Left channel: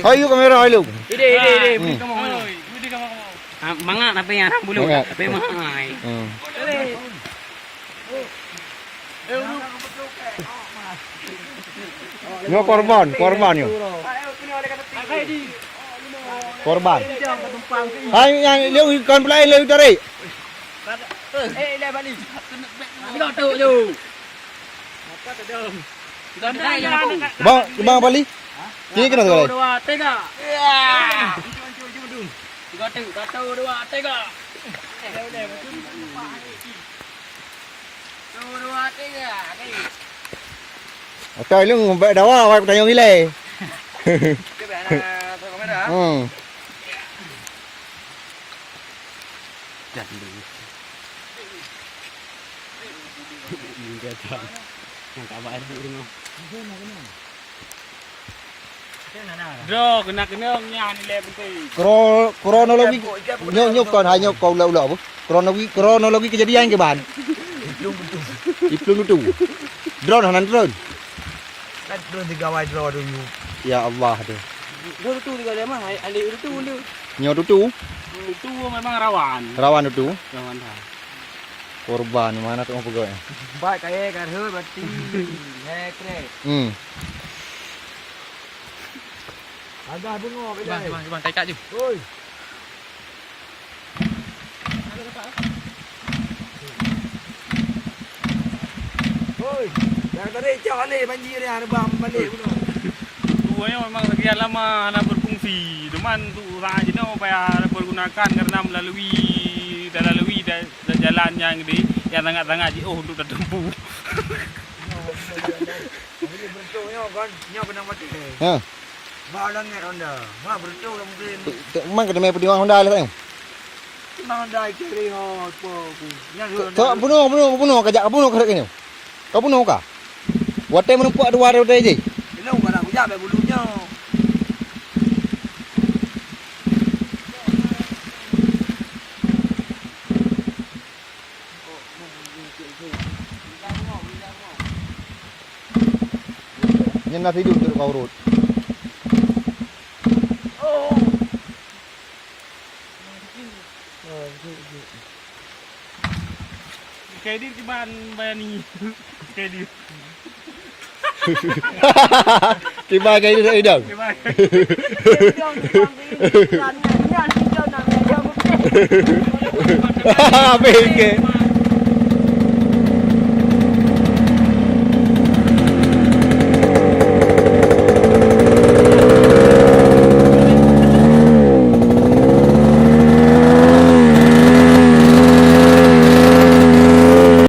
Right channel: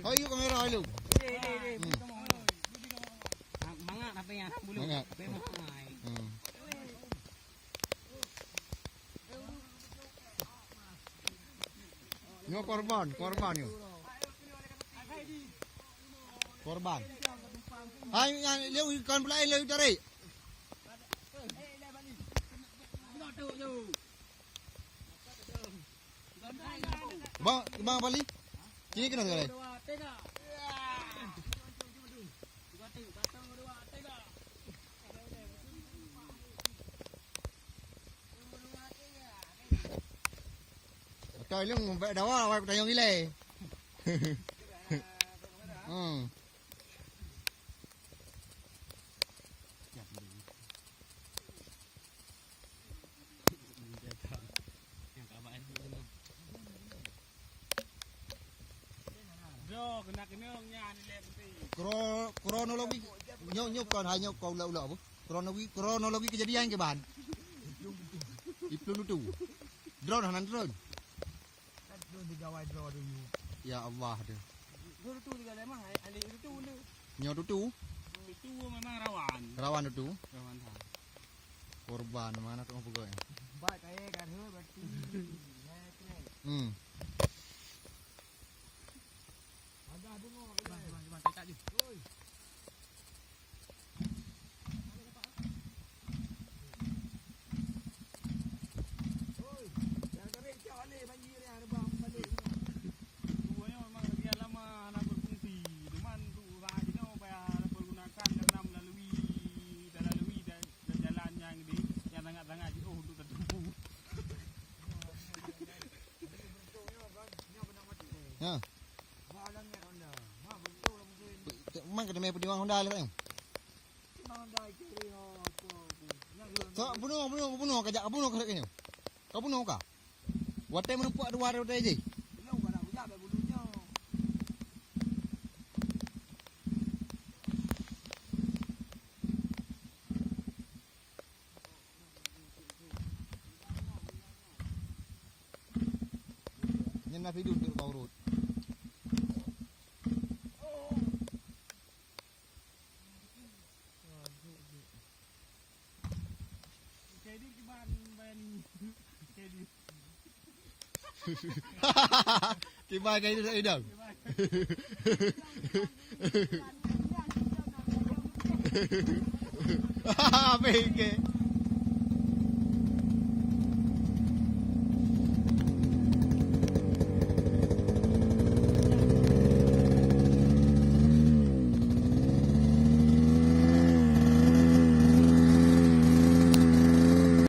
Ayo kamera ayo. Ide, budi kamu. Mangat apa yang bulu? Apa yang mangai? Nyo korban yo. Korban. Hai yang leu kon pelai leu tadi. Leh balik. Tidak tahu je. Apa tu dong? Tidak ada yang aku. Bang Bali. Sini kena tu. 2 3. Ya. Tiga tahu 2 3. Okey lu ngombe dawa awak tanya gile. Bro, kena nyan ni le penting. Kronologi nyo kon hanya kau lau apa? Kronologi kejadian ke ban. Iplung tu. Drone hanan drone. Kan drone 3 wide draw dulu. Ya Allah tu. Dua tu juga dia mah, ali itu dia. Nyo tu. Itu memang rawan. Rawan tu. Rawan dah. Korban mana tu pegawai. Baik kaya kan heu berarti. Hekre. Agak bengok ke dah. Bang, tai kat je. Oi. Oi. Dah tarik cak ni banjir ni ada bang balik pun. Tuanya memang sekian lama nak berfungsi. Cuman tu orang jenis supaya pergunakan karena melalui jalan yang yang sangat-sangat jauh untuk tertempuh. Ini bertungnya kan nyak kena mati. Ha. Balang ni Honda. Ma bertung dah mungkin. Mang kena main perjuangan Honda lah tengok. Honda kiri ho apa. Yang Tak bunuh kajak bunuh kerek ni. Kau bunuh kah? Watai menumpak dua ada je. Belum kan aku jap bulunya. Nhân là thấy đường tự cầu rồi. Kayak di ban bayani. Kayak di. Kibai cái đi đâu? Bên kia.